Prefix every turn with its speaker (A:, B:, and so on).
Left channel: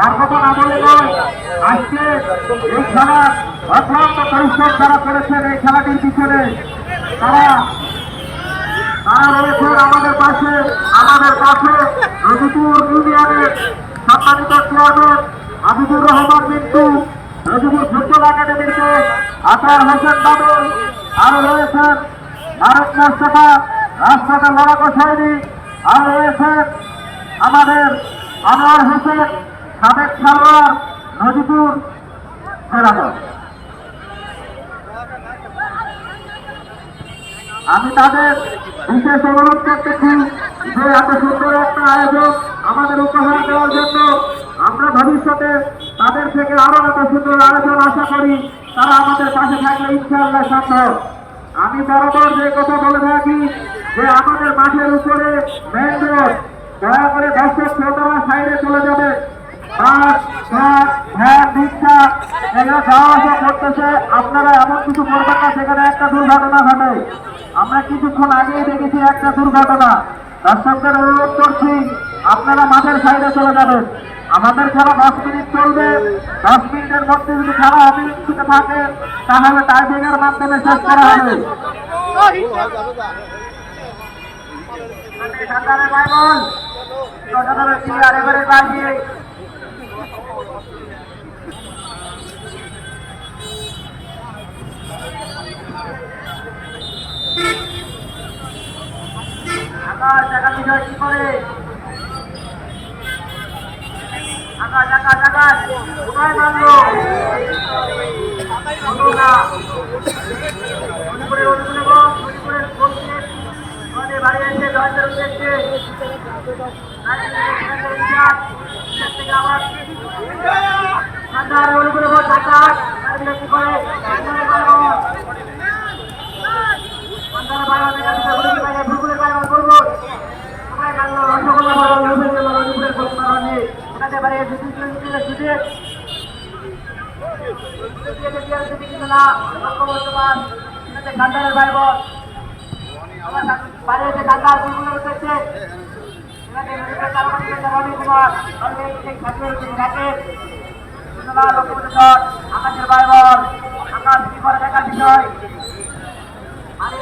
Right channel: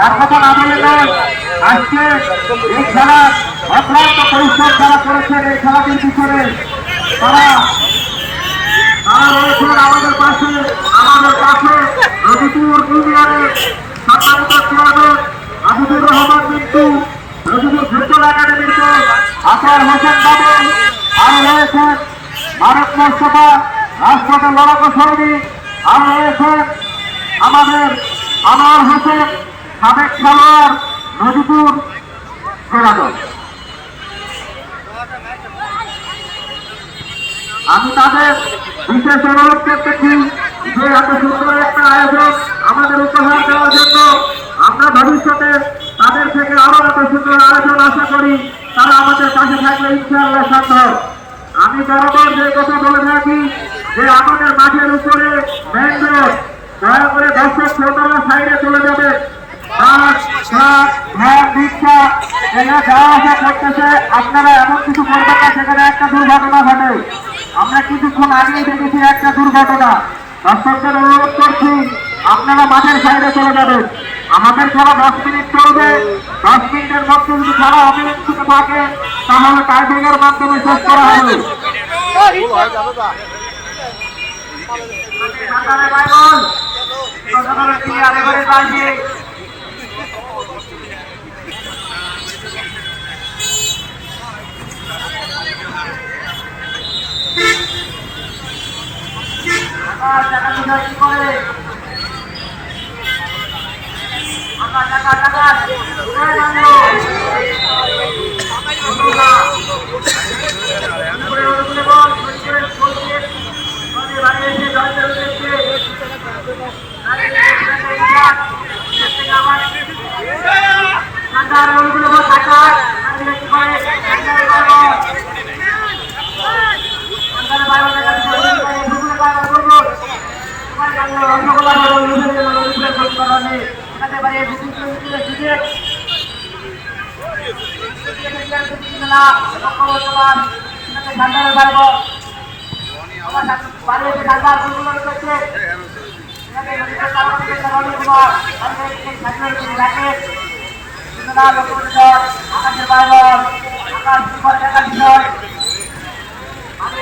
A: তার কথা না বলে নয়। আজকে এই খেলা অক্লান্ত পরিশ্রম যারা করেছেন, এই খেলাটির পিছনে তারা তারা রয়েছেন আমাদের পাশে আমাদের পাশে রবিপুর ইউনিয়নের সম্মানিত চেয়ারম্যান আবিদুর রহমান মিন্টু, রবিপুর ফুটবল একাডেমির কোচ আসার হোসেন বাবুল আরও রয়েছেন ভারত মোস্তফা রাষ্ট্রকে লড়াকো সৈনিক, আরও রয়েছেন আমাদের আনোয়ার হোসেন সাবেক খেলোয়াড় নদীপুর জেলা দল আমি তাদের বিশেষ অনুরোধ করতেছি যে এত সুন্দর একটা আয়োজন আমাদের উপহার দেওয়ার জন্য, আমরা ভবিষ্যতে তাদের থেকে আরও এত সুন্দর আয়োজন আশা করি তারা আমাদের পাশে থাকলে ইনশাআল্লাহ সম্ভব আমি বরাবর যে কথা বলে থাকি যে আমাদের মাঠের উপরে দয়া করে দর্শক শ্রোতারা সাইডে চলে যাবে। ট্রাক ভ্যান রিক্সা এগুলো যাওয়া করতেছে আপনারা এমন কিছু করবেন না সেখানে একটা দুর্ঘটনা ঘটে। আমরা কিছুক্ষণ আগেই দেখেছি একটা দুর্ঘটনা। দর্শকদের অনুরোধ করছি আপনারা মাঠের সাইডে চলে যাবেন। আমাদের খেলা দশ মিনিট চলবে। দশ মিনিটের মধ্যে যদি খেলা অবিলম্বিত থাকে তাহলে টাইব্রেকের মাধ্যমে শেষ করা হবে। সরকারের বাইবল, আরে করে পাইছে টাকা বিষয় কি করে? আকাশ আকাশ আকাশ কোথায় মানলো করে রোদে তুলে বল করে বল আবার ঠান্ডার রোদে তুলে বল ঠান্ডার কি করে আকাশের ভাই বোন আকাশ করে দেখার বিষয় আমি